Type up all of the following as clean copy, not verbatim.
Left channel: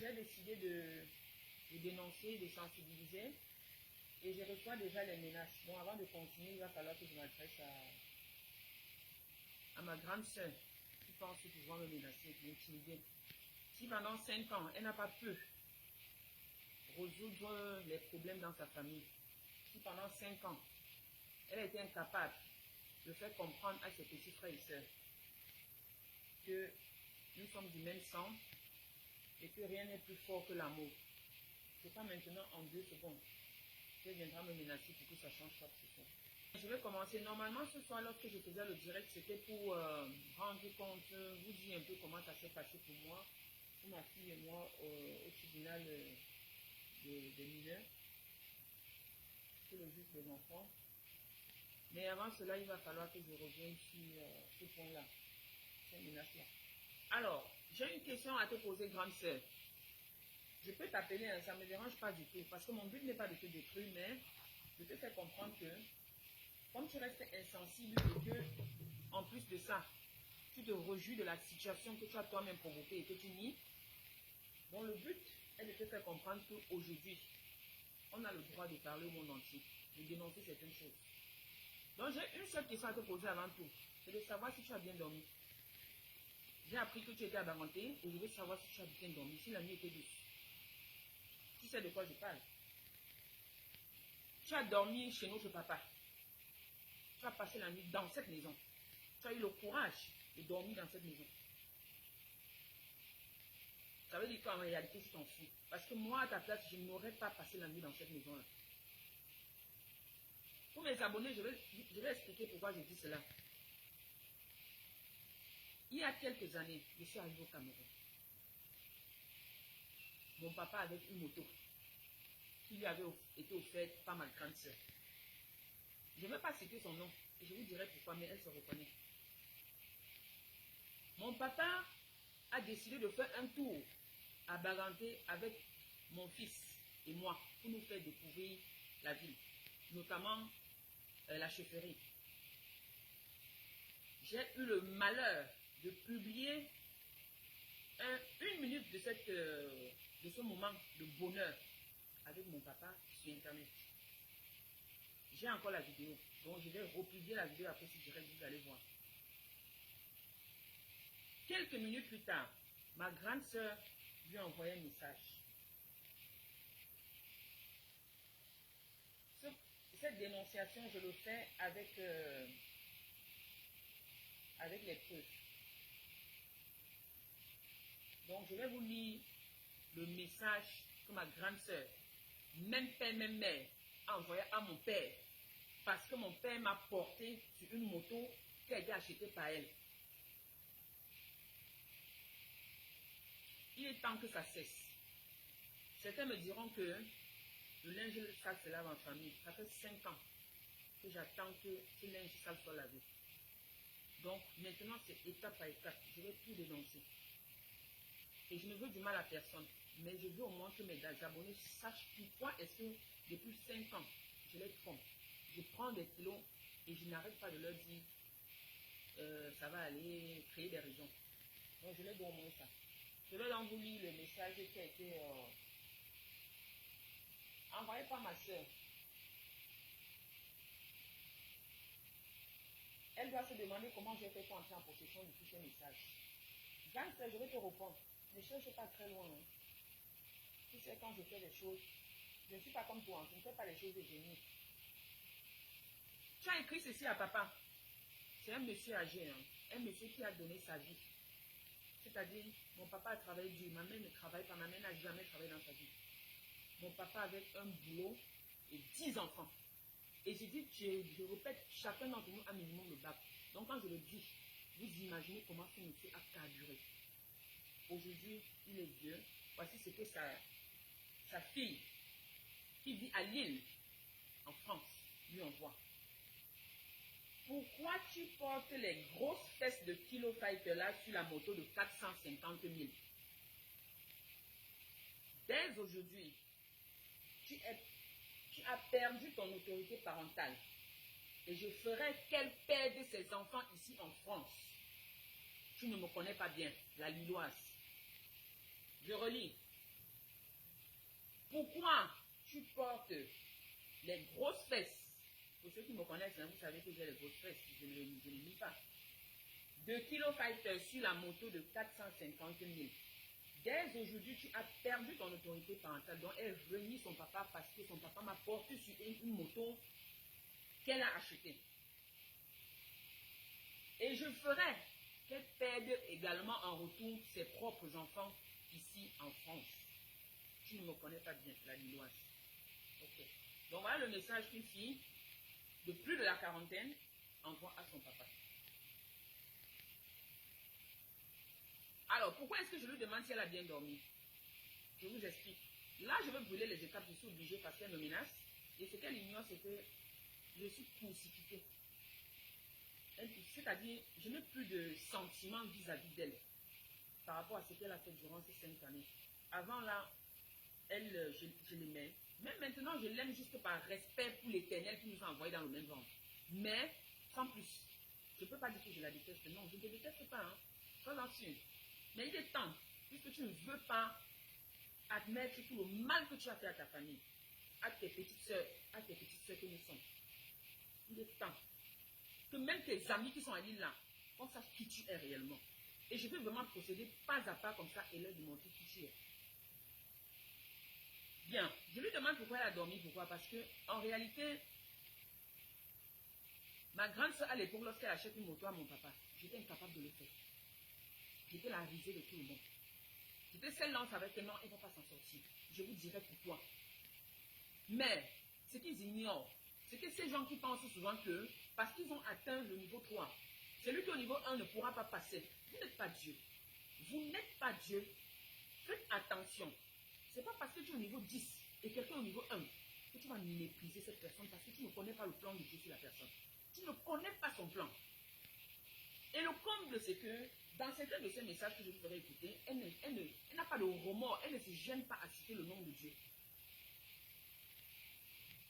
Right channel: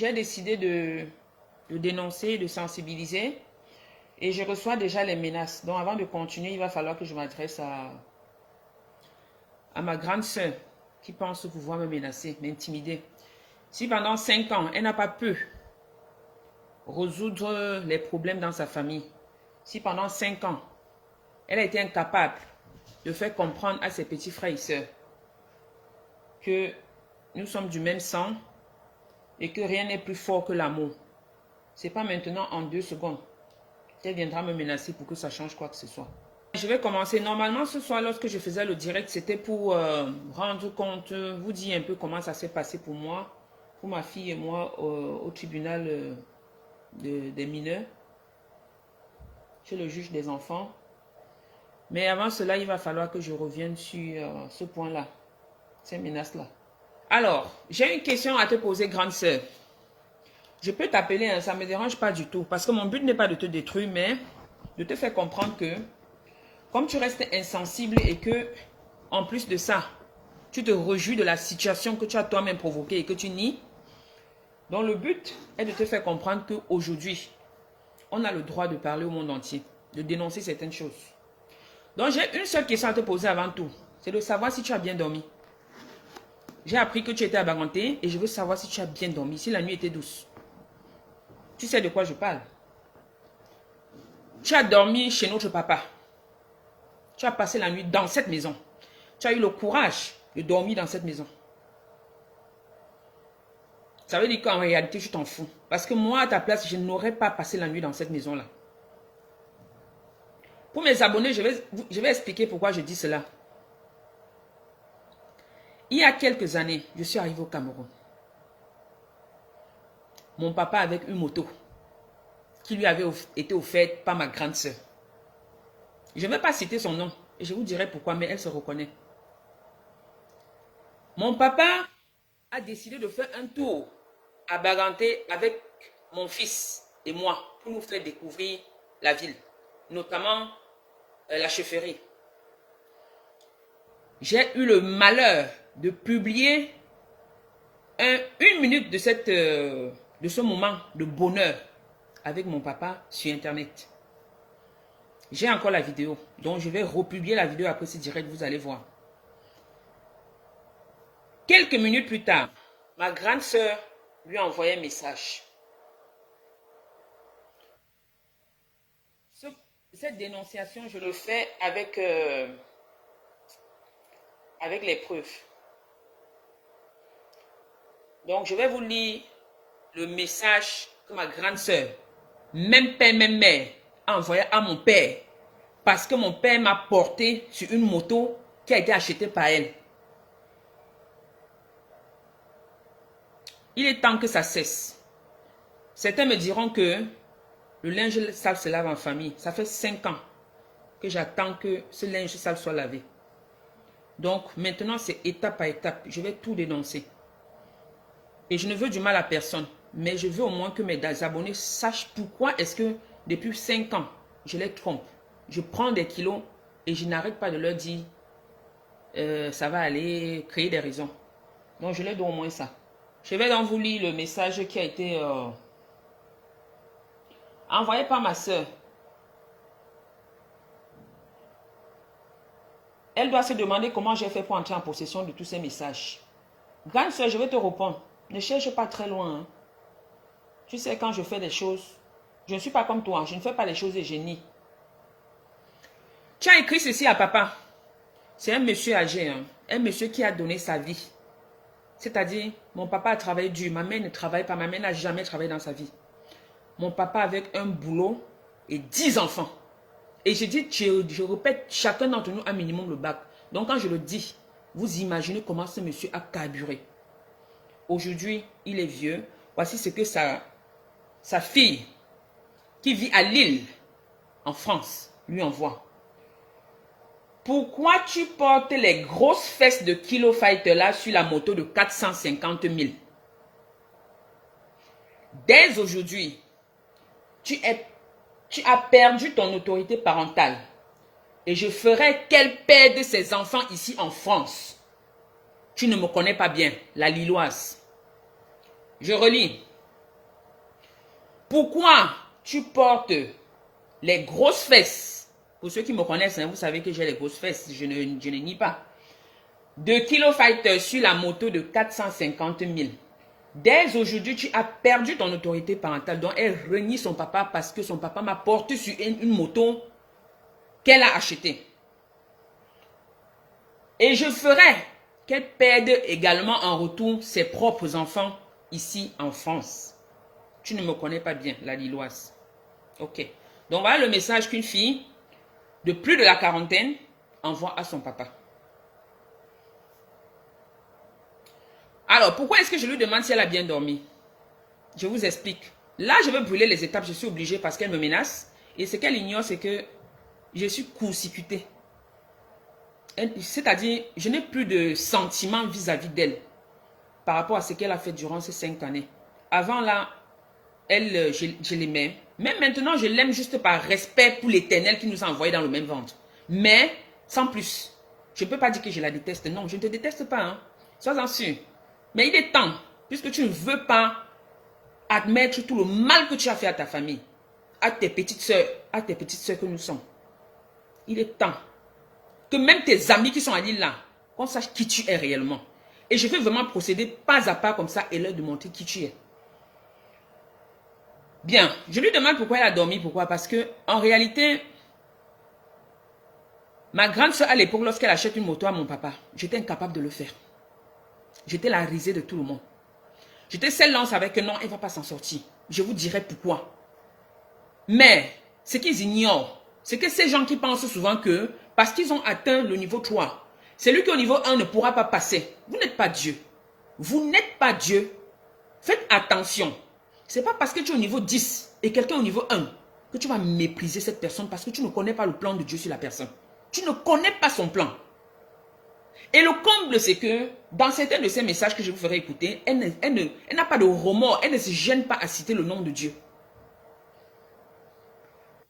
j'ai décidé de dénoncer, de sensibiliser. Et je reçois déjà les menaces. Donc avant de continuer, il va falloir que je m'adresse à ma grande sœur qui pense pouvoir me menacer, m'intimider. Si pendant 5 ans, elle n'a pas pu résoudre les problèmes dans sa famille, si pendant 5 ans, elle a été incapable de faire comprendre à ses petits frères et sœurs que nous sommes du même sang et que rien n'est plus fort que l'amour, ce n'est pas maintenant en 2 secondes qu'elle viendra me menacer pour que ça change quoi que ce soit. Je vais commencer. Normalement, ce soir, lorsque je faisais le direct, c'était pour rendre compte, vous dire un peu comment ça s'est passé pour moi, pour ma fille et moi, au tribunal des mineurs, chez le juge des enfants. Mais avant cela, il va falloir que je revienne sur ce point-là, ces menaces-là. Alors, j'ai une question à te poser, grande sœur. Je peux t'appeler, hein, ça ne me dérange pas du tout, parce que mon but n'est pas de te détruire, mais de te faire comprendre que, comme tu restes insensible et que, en plus de ça, tu te réjouis de la situation que tu as toi-même provoquée et que tu nies, donc le but est de te faire comprendre qu'aujourd'hui, on a le droit de parler au monde entier, de dénoncer certaines choses. Donc j'ai une seule question à te poser avant tout, c'est de savoir si tu as bien dormi. J'ai appris que tu étais à Baganté et je veux savoir si tu as bien dormi, si la nuit était douce. Tu sais de quoi je parle. Tu as dormi chez notre papa. Tu as passé la nuit dans cette maison. Tu as eu le courage de dormir dans cette maison. Ça veut dire qu'en réalité, je t'en fous. Parce que moi, à ta place, je n'aurais pas passé la nuit dans cette maison-là. Pour mes abonnés, je vais expliquer pourquoi je dis cela. Il y a quelques années, je suis arrivé au Cameroun. Mon papa avait une moto qui lui avait été offerte par ma grande sœur. Je ne vais pas citer son nom et je vous dirai pourquoi, mais elle se reconnaît. Mon papa a décidé de faire un tour à Baganté avec mon fils et moi pour nous faire découvrir la ville, notamment la chefferie. J'ai eu le malheur de publier une minute de ce moment de bonheur avec mon papa sur Internet. J'ai encore la vidéo, donc je vais republier la vidéo après ce direct, vous allez voir. Quelques minutes plus tard, ma grande sœur lui a envoyé un message. Cette dénonciation, je le fais avec les preuves. Donc, je vais vous lire le message que ma grande sœur, même père, même mère, a envoyé à mon père. Parce que mon père m'a porté sur une moto qui a été achetée par elle. Il est temps que ça cesse. Certains me diront que le linge sale se lave en famille. Ça fait 5 ans que j'attends que ce linge sale soit lavé. Donc maintenant, c'est étape par étape. Je vais tout dénoncer. Et je ne veux du mal à personne. Mais je veux au moins que mes abonnés sachent pourquoi est-ce que depuis 5 ans, je les trompe. Je prends des kilos et je n'arrête pas de leur dire ça va aller, créer des raisons. Donc je leur donne au moins ça. Je vais donc vous lire le message qui a été envoyé par ma soeur. Elle doit se demander comment j'ai fait pour entrer en possession de tous ces messages. Grande soeur, je vais te répondre. Ne cherche pas très loin. Hein. Tu sais, quand je fais des choses, je ne suis pas comme toi. Je ne fais pas les choses de génie. Tu as écrit ceci à papa. C'est un monsieur âgé. Hein. Un monsieur qui a donné sa vie. C'est-à-dire, mon papa a travaillé dur. Ma mère ne travaille pas. Ma mère n'a jamais travaillé dans sa vie. Mon papa avec un boulot et 10 enfants. Et je dis, je répète, chacun d'entre nous a minimum le bac. Donc quand je le dis, vous imaginez comment ce monsieur a carburé. Aujourd'hui, il est vieux. Voici ce que sa fille, qui vit à Lille, en France, lui envoie. Pourquoi tu portes les grosses fesses de Kilo Fighter là sur la moto de 450 000? Dès aujourd'hui, tu as perdu ton autorité parentale. Et je ferai qu'elle perde ses enfants ici en France. Tu ne me connais pas bien, la Lilloise. Je relis. Pourquoi tu portes les grosses fesses? Pour ceux qui me connaissent, hein, vous savez que j'ai les grosses fesses, je ne nie pas. De Kilo Fighter sur la moto de 450 000. Dès aujourd'hui, tu as perdu ton autorité parentale. Donc, elle renie son papa parce que son papa m'a porté sur une moto qu'elle a achetée. Et je ferai qu'elle perde également en retour ses propres enfants ici en France. Tu ne me connais pas bien, la Lilloise. Ok. Donc, voilà le message qu'une fille de plus de la quarantaine envoie à son papa. Alors, pourquoi est-ce que je lui demande si elle a bien dormi? Je vous explique. Là, je vais brûler les étapes. Je suis obligée parce qu'elle me menace. Et ce qu'elle ignore, c'est que je suis court-circuitée. C'est-à-dire, je n'ai plus de sentiments vis-à-vis d'elle par rapport à ce qu'elle a fait durant ces 5 années. Avant, là, elle, je l'aimais. Même maintenant, je l'aime juste par respect pour l'Éternel qui nous a envoyés dans le même ventre. Mais, sans plus. Je ne peux pas dire que je la déteste. Non, je ne te déteste pas. Hein. Sois-en sûr. Mais il est temps, puisque tu ne veux pas admettre tout le mal que tu as fait à ta famille, à tes petites soeurs que nous sommes. Il est temps que même tes amis qui sont à l'île là, qu'on sache qui tu es réellement. Et je vais vraiment procéder pas à pas comme ça et leur demander qui tu es. Bien, je lui demande pourquoi elle a dormi. Pourquoi? Parce que en réalité, ma grande soeur à l'époque, lorsqu'elle achète une moto à mon papa, j'étais incapable de le faire. J'étais la risée de tout le monde. J'étais celle-là, on savait que non, elle ne va pas s'en sortir. Je vous dirai pourquoi. Mais, ce qu'ils ignorent, c'est que ces gens qui pensent souvent que, parce qu'ils ont atteint le niveau 3, celui qui est au niveau 1 ne pourra pas passer. Vous n'êtes pas Dieu. Vous n'êtes pas Dieu. Faites attention. Ce n'est pas parce que tu es au niveau 10 et quelqu'un au niveau 1 que tu vas mépriser cette personne parce que tu ne connais pas le plan de Dieu sur la personne. Tu ne connais pas son plan. Et le comble, c'est que dans certains de ces messages que je vous ferai écouter, elle n'a pas de remords, elle ne se gêne pas à citer le nom de Dieu.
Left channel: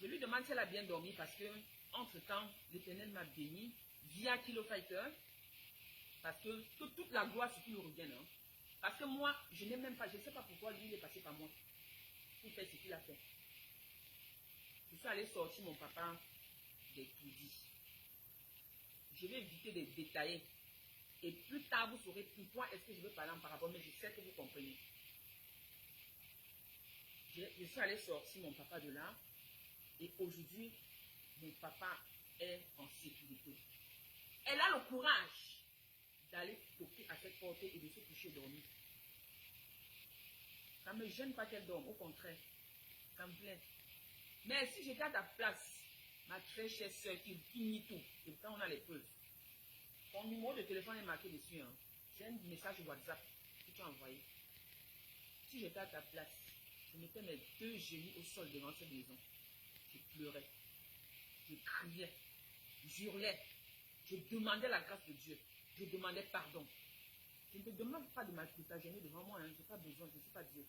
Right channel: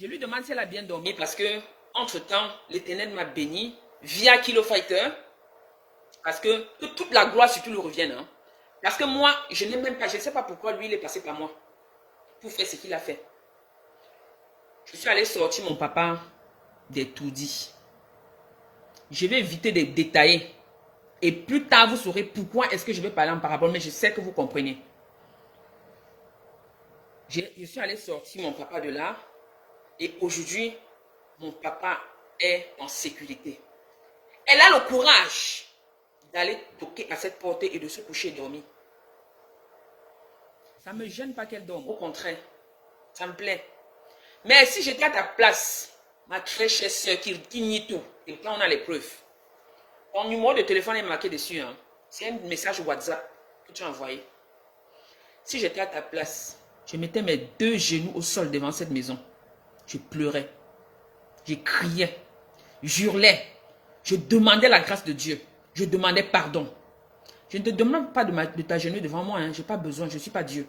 Je lui demande si elle a bien dormi parce que, entre-temps, l'Éternel m'a béni via Kilo Fighter, parce que toute la gloire surtout lui revienne. Hein. Parce que moi, je n'ai même pas, je ne sais pas pourquoi lui, il est passé par moi pour faire ce qu'il a fait. Je suis allé sortir mon papa des tout-dits. Je vais éviter de détailler. Et plus tard, vous saurez pourquoi est-ce que je vais parler en parabole, mais je sais que vous comprenez. Je suis allé sortir mon papa de là. Et aujourd'hui, mon papa est en sécurité. Elle a le courage d'aller toquer à cette porte et de se coucher et dormir. Ça ne me gêne pas qu'elle dorme. Au contraire, ça me plaît. Mais si j'étais à ta place, ma très chère soeur qui nie tout, et quand on a les preuves, ton numéro de téléphone est marqué dessus. Hein. C'est un message WhatsApp que tu as envoyé. Si j'étais à ta place, je mettais mes 2 genoux au sol devant cette maison. Je pleurais. Je criais. J'hurlais. Je demandais la grâce de Dieu. Je demandais pardon. Je ne te demande pas de t'agenouiller devant moi. Hein. Je n'ai pas besoin. Je ne suis pas Dieu.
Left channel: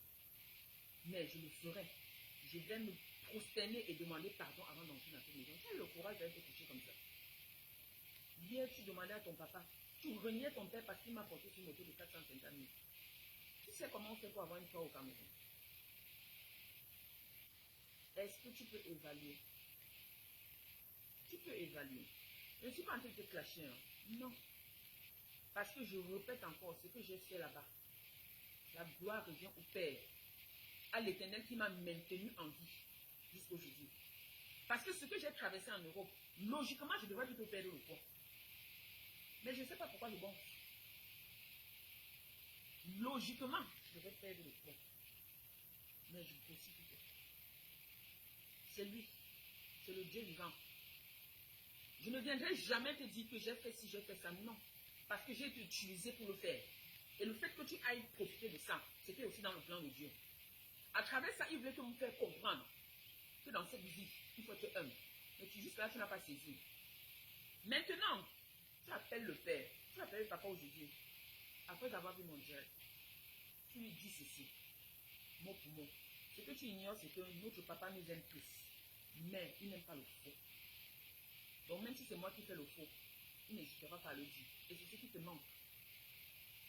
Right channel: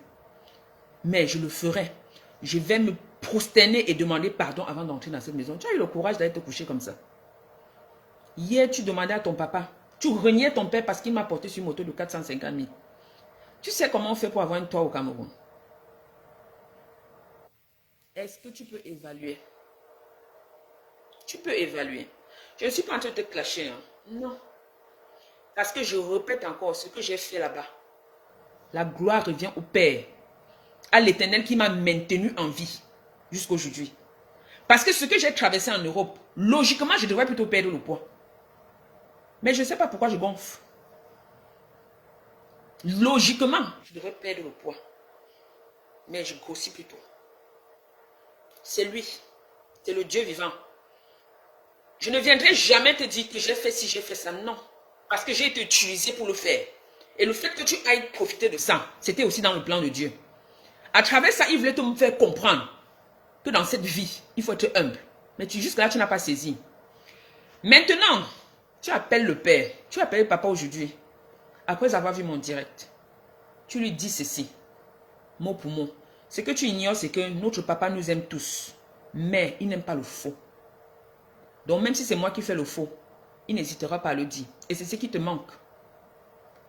Mais je le ferai. Je vais me prosterner et demander pardon avant d'entrer dans cette maison. Tu as eu le courage d'aller te coucher comme ça. Hier, tu demandais à ton papa. Tu reniais ton père parce qu'il m'a porté sur une moto de 450 000. Tu sais comment on fait pour avoir un toit au Cameroun? Est-ce que tu peux évaluer? Tu peux évaluer. Je ne suis pas en train de te clasher. Hein. Non. Parce que je répète encore ce que j'ai fait là-bas. La gloire revient au Père. À l'Éternel qui m'a maintenu en vie jusqu'à aujourd'hui. Parce que ce que j'ai traversé en Europe, logiquement, je devrais plutôt perdre le poids. Mais je ne sais pas pourquoi je gonfle. Logiquement, je devrais perdre le poids. Mais je grossis plutôt. C'est lui. C'est le Dieu vivant. Je ne viendrai jamais te dire que j'ai fait ci, j'ai fait ça. Non. Parce que j'ai été utilisé pour le faire. Et le fait que tu ailles profiter de ça, c'était aussi dans le plan de Dieu. À travers ça, il voulait te faire comprendre que dans cette vie, il faut être humble. Mais jusque-là, tu n'as pas saisi. Maintenant, tu appelles le père. Tu appelles le papa aujourd'hui. Après avoir vu mon direct, tu lui dis ceci, mot pour mot. Ce que tu ignores, c'est que notre papa nous aime tous. Mais il n'aime pas le faux. Donc même si c'est moi qui fais le faux, il n'hésitera pas à le dire. Et c'est ce qui te manque.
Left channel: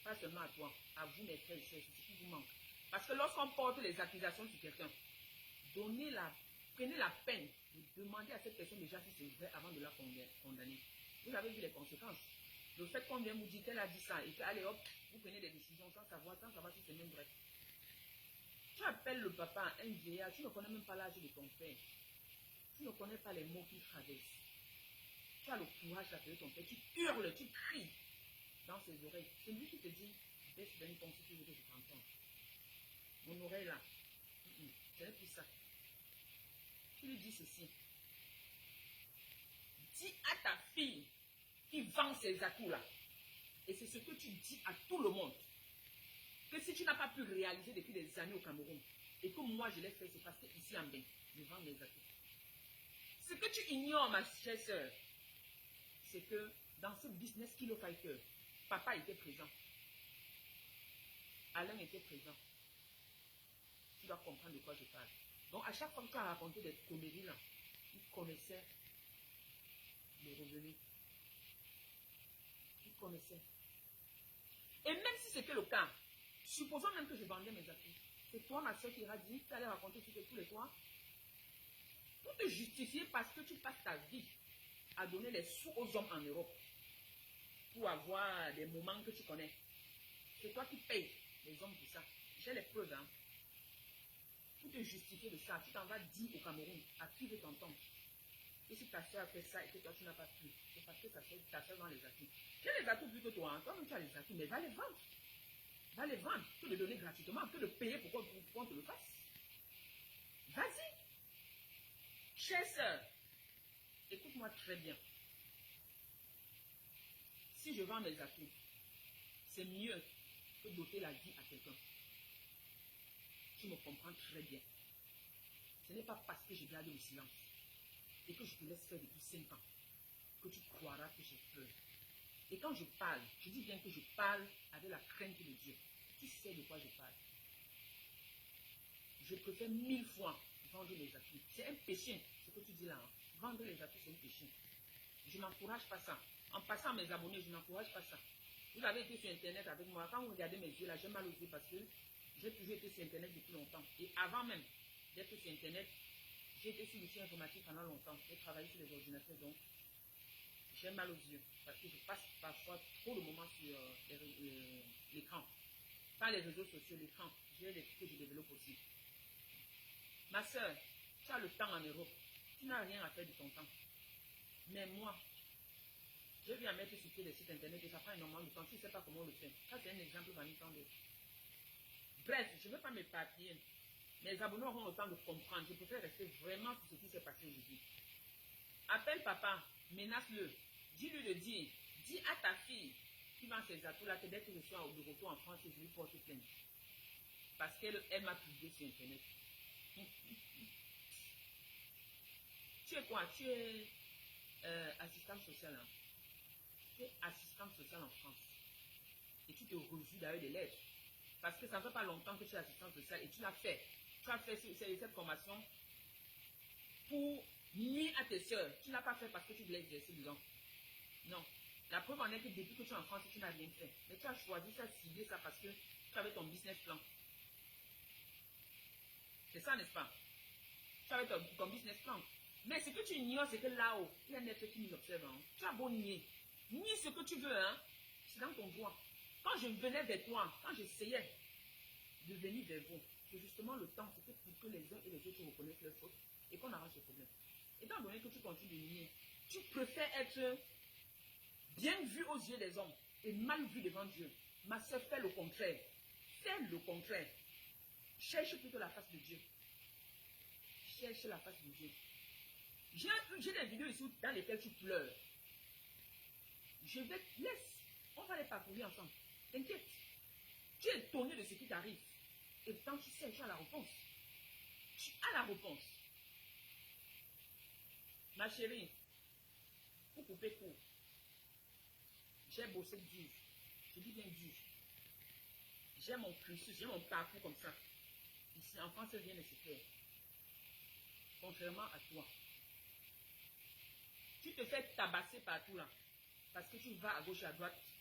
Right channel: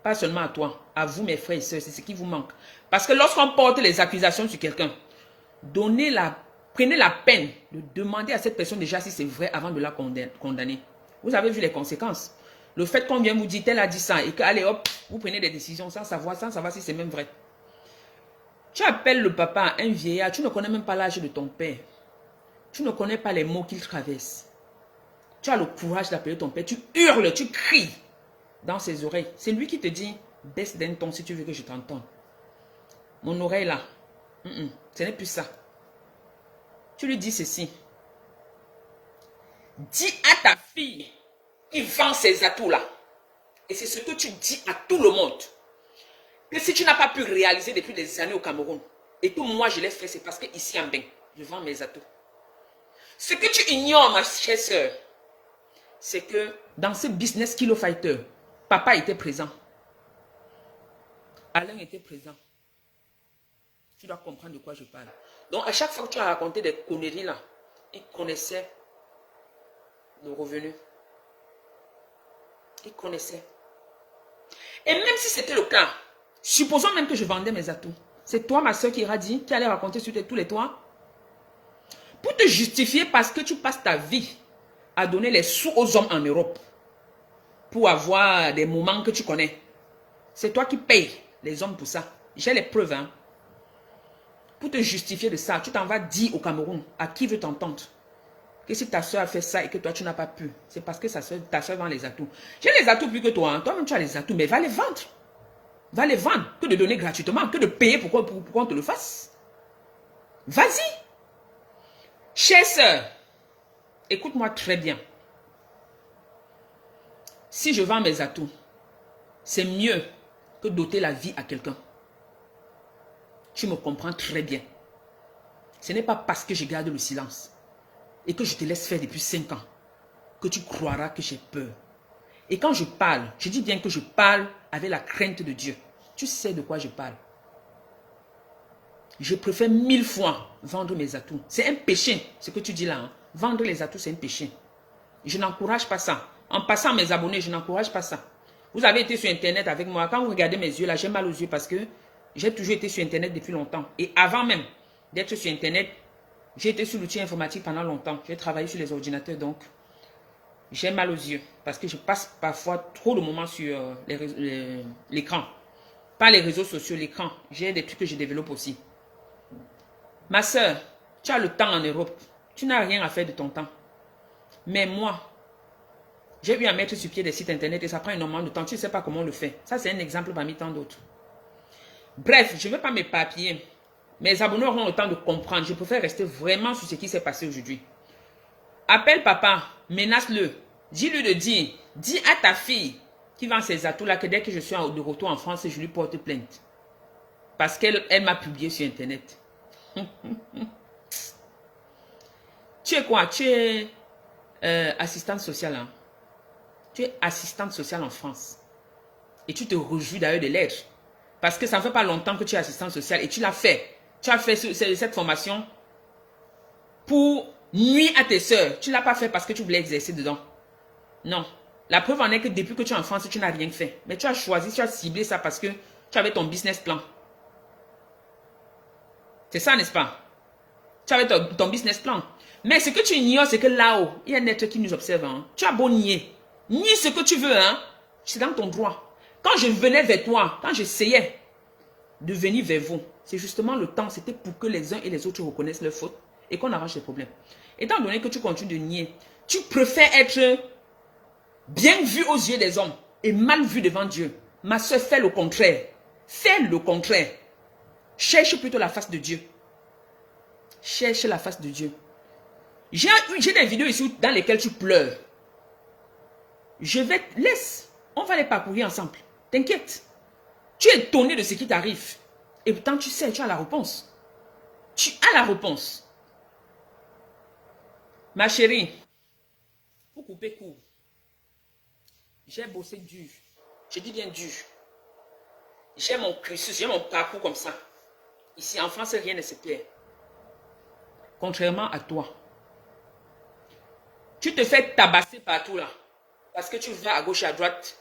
Pas seulement à toi, à vous mes frères et sœurs, c'est ce qui vous manque. Parce que lorsqu'on porte les accusations sur quelqu'un, prenez la peine de demander à cette personne déjà si c'est vrai avant de la condamner. Vous avez vu les conséquences. Le fait qu'on vient vous dire, tel a dit ça, et que, allez hop, vous prenez des décisions sans savoir si c'est même vrai. Tu appelles le papa, un vieillard, tu ne connais même pas l'âge de ton père. Tu ne connais pas les mots qu'il traverse. Tu as le courage d'appeler ton père, tu hurles, tu cries dans ses oreilles. C'est lui qui te dit, baisse d'un ton si tu veux que je t'entende. Mon oreille là, ce n'est plus ça. Tu lui dis ceci. Dis à ta fille qui vend ses atouts là. Et c'est ce que tu dis à tout le monde. Que si tu n'as pas pu réaliser depuis des années au Cameroun, et que moi je l'ai fait, c'est parce que ici en Bain, je vends mes atouts. Ce que tu ignores, ma chère soeur, c'est que dans ce business Kilo Fighter, papa était présent. Alain était présent. Tu dois comprendre de quoi je parle. Donc à chaque fois que tu as raconté des conneries là, il connaissait le revenu. Il connaissait. Et même si c'était le cas, supposons même que je vendais mes atouts. C'est toi, ma soeur, qui ira dire, qui allait raconter sur tous les toits. Pour te justifier parce que tu passes ta vie à donner les sous aux hommes en Europe. Pour avoir des moments que tu connais. C'est toi qui payes les hommes pour ça. J'ai les preuves. Hein. Pour te justifier de ça, tu t'en vas dire au Cameroun, à qui veut t'entendre, que si ta soeur a fait ça et que toi tu n'as pas pu, c'est parce que ta soeur vend les atouts. J'ai les atouts plus que toi. Hein. Toi-même tu as les atouts, mais va les vendre. Va les vendre. Que de donner gratuitement, que de payer pour qu'on te le fasse. Vas-y. Chère soeur, écoute-moi très bien. Si je vends mes atouts, c'est mieux que d'ôter la vie à quelqu'un. Tu me comprends très bien. Ce n'est pas parce que je garde le silence et que je te laisse faire depuis 5 ans que tu croiras que j'ai peur. Et quand je parle, je dis bien que je parle avec la crainte de Dieu. Tu sais de quoi je parle. Je préfère 1000 fois vendre mes atouts. C'est un péché, ce que tu dis là. Hein. Vendre les atouts, c'est un péché. Je n'encourage pas ça. En passant mes abonnés, je n'encourage pas ça. Vous avez été sur Internet avec moi. Quand vous regardez mes yeux, là, j'ai mal aux yeux parce que j'ai toujours été sur Internet depuis longtemps. Et avant même d'être sur Internet, j'ai été sur l'outil informatique pendant longtemps. J'ai travaillé sur les ordinateurs, donc j'ai mal aux yeux. Parce que je passe parfois trop de moments sur l'écran. Pas les réseaux sociaux, l'écran. J'ai des trucs que je développe aussi. Ma soeur, tu as le temps en Europe. Tu n'as rien à faire de ton temps. Mais moi, j'ai eu à mettre sur pied des sites internet et ça prend énormément de temps. Tu ne sais pas comment on le fait. Ça, c'est un exemple parmi tant d'autres. Bref, je ne veux pas m'éparpiller. Mes abonnés auront le temps de comprendre. Je préfère rester vraiment sur ce qui s'est passé aujourd'hui. Appelle papa, menace-le. Dis-lui de dire. Dis à ta fille qui vend ses atouts là que dès que je suis de retour en France, je lui porte plainte. Parce qu'elle m'a publié sur internet. Tu es quoi? Tu es assistante sociale. Hein? Tu es assistante sociale en France. Et tu te réjouis d'ailleurs de l'être. Parce que ça ne fait pas longtemps que tu es assistante sociale et tu l'as fait. Tu as fait cette formation pour nuire à tes soeurs. Tu ne l'as pas fait parce que tu voulais exercer dedans. Non. La preuve en est que depuis que tu es en France, tu n'as rien fait. Mais tu as choisi, tu as ciblé ça parce que tu avais ton business plan. C'est ça, n'est-ce pas? Tu avais ton business plan. Mais ce que tu ignores, c'est que là-haut, il y a un être qui nous observe. Hein. Tu as beau nier. Nie ce que tu veux. Hein. C'est dans ton droit. Quand je venais vers toi, quand j'essayais de venir vers vous, c'est justement le temps, c'était pour que les uns et les autres reconnaissent leurs fautes et qu'on arrange les problèmes. Étant donné que tu continues de nier, tu préfères être bien vu aux yeux des hommes et mal vu devant Dieu. Ma soeur, fais le contraire. Fais le contraire. Cherche plutôt la face de Dieu. Cherche la face de Dieu. J'ai des vidéos ici dans lesquelles tu pleures. Laisse. On va les parcourir ensemble. T'inquiète. Tu es étonné de ce qui t'arrive. Et pourtant, tu sais, tu as la réponse. Tu as la réponse. Ma chérie, pour couper court, j'ai bossé dur. Je dis bien dur. J'ai mon cursus, j'ai mon parcours comme ça. Ici, en France, rien ne se perd. Contrairement à toi. Tu te fais tabasser partout là. Parce que tu vas à gauche et à droite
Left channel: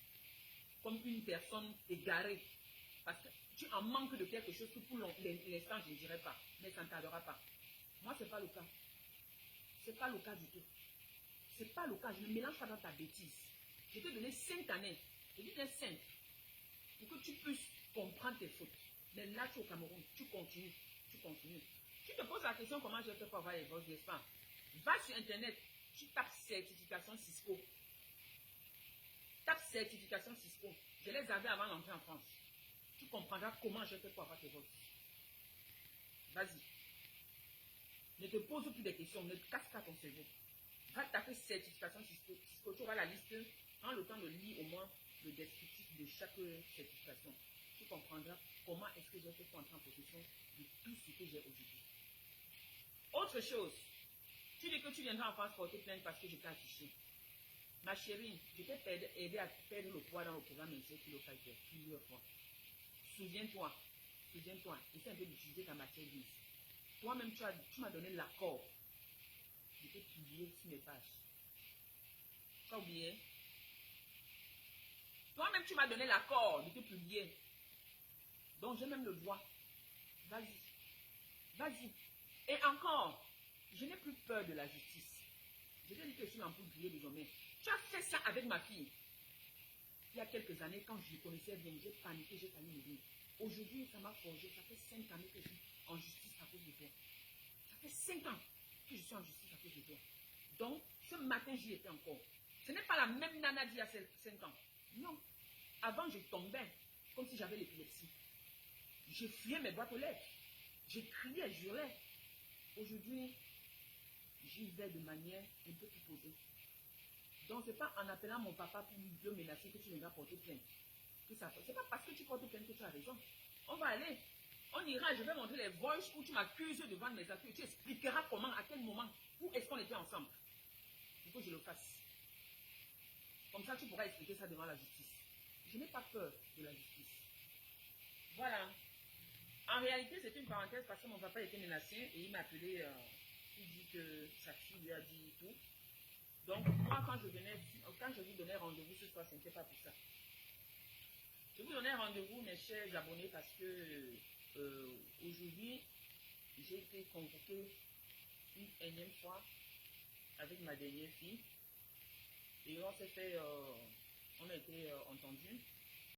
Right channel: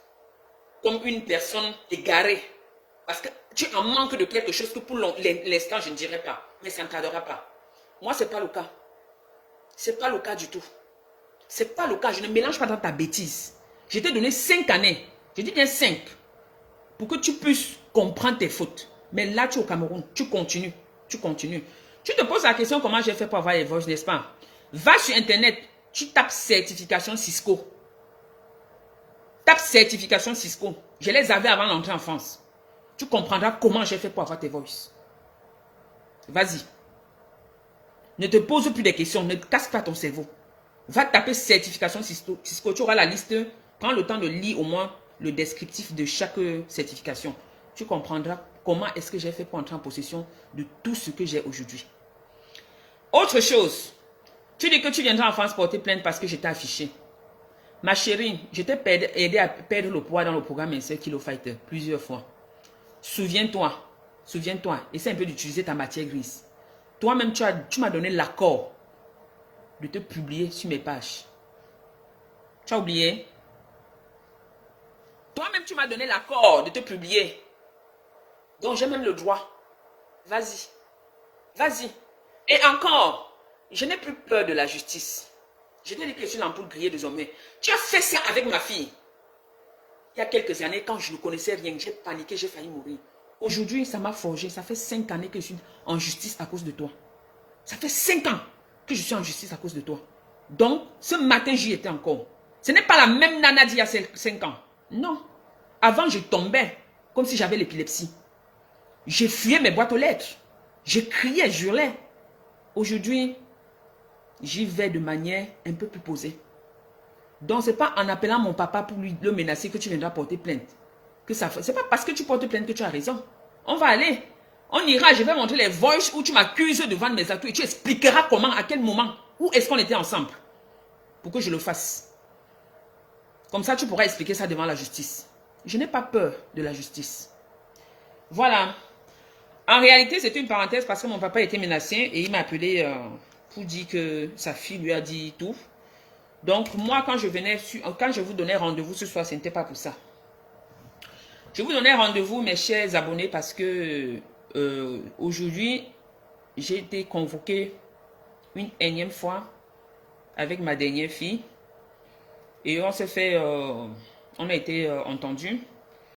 comme une personne égarée. Parce que tu en manques de quelque chose que pour l'instant, je ne dirais pas. Mais ça ne tardera pas. Moi, ce n'est pas le cas. Ce n'est pas le cas du tout. Ce n'est pas le cas. Je ne mélange pas dans ta bêtise. Je t'ai donné 5 années. Je dis bien 5. Pour que tu puisses comprendre tes fautes. Mais là, tu es au Cameroun. Tu continues. Tu continues. Tu te poses la question comment j'ai fait pour avoir les voix, n'est-ce pas? Va sur Internet. Tu tapes certification Cisco. Tape certification Cisco. Je les avais avant d'entrer en France. Tu comprendras comment j'ai fait pour avoir tes voices. Vas-y. Ne te pose plus de questions. Ne casse pas ton cerveau. Va taper certification Cisco. Tu auras la liste. Prends le temps de lire au moins le descriptif de chaque certification. Tu comprendras comment est-ce que j'ai fait pour entrer en possession de tout ce que j'ai aujourd'hui. Autre chose. Tu dis que tu viendras en France porter plainte parce que j'étais affiché. Ma chérie, je t'ai aidé à perdre le poids dans le programme Insert Kilo Fighter plusieurs fois. Souviens-toi, essaie un peu d'utiliser ta matière grise. Toi-même, tu m'as donné l'accord de te publier sur mes pages. Tu as oublié? Toi-même, tu m'as donné l'accord de te publier. Donc, j'ai même le droit. Vas-y. Vas-y. Et encore, je n'ai plus peur de la justice. Je t'ai dit que je suis l'ampoule grillée désormais. Tu as fait ça avec ma fille. Il y a quelques années, quand je ne connaissais rien, j'ai paniqué, j'ai failli mourir. Aujourd'hui, ça m'a forgé. Ça fait 5 années que je suis en justice à cause de toi. Ça fait 5 ans que je suis en justice à cause de toi. Donc, ce matin, j'y étais encore. Ce n'est pas la même nana d'il y a 5 ans. Non. Avant, je tombais comme si j'avais l'épilepsie. J'ai fuyé mes boîtes aux lettres. Je criais, je hurlais. Aujourd'hui, j'y vais de manière un peu plus posée. Donc, ce n'est pas en appelant mon papa pour lui le menacer que tu viendras porter plainte. Ce n'est pas parce que tu portes plainte que tu as raison. On va aller. On ira, je vais montrer les voices où tu m'accuses de vendre mes atouts et tu expliqueras comment, à quel moment, où est-ce qu'on était ensemble pour que je le fasse. Comme ça, tu pourras expliquer ça devant la justice. Je n'ai pas peur de la justice. Voilà. En réalité, c'était une parenthèse parce que mon papa était menacé et il m'a appelé pour dire que sa fille lui a dit tout. Donc, moi, quand je vous donnais rendez-vous ce soir, ce n'était pas pour ça. Je vous donnais rendez-vous, mes chers abonnés, parce que aujourd'hui, j'ai été convoqué une énième fois avec ma dernière fille. Et on s'est fait, on a été entendus.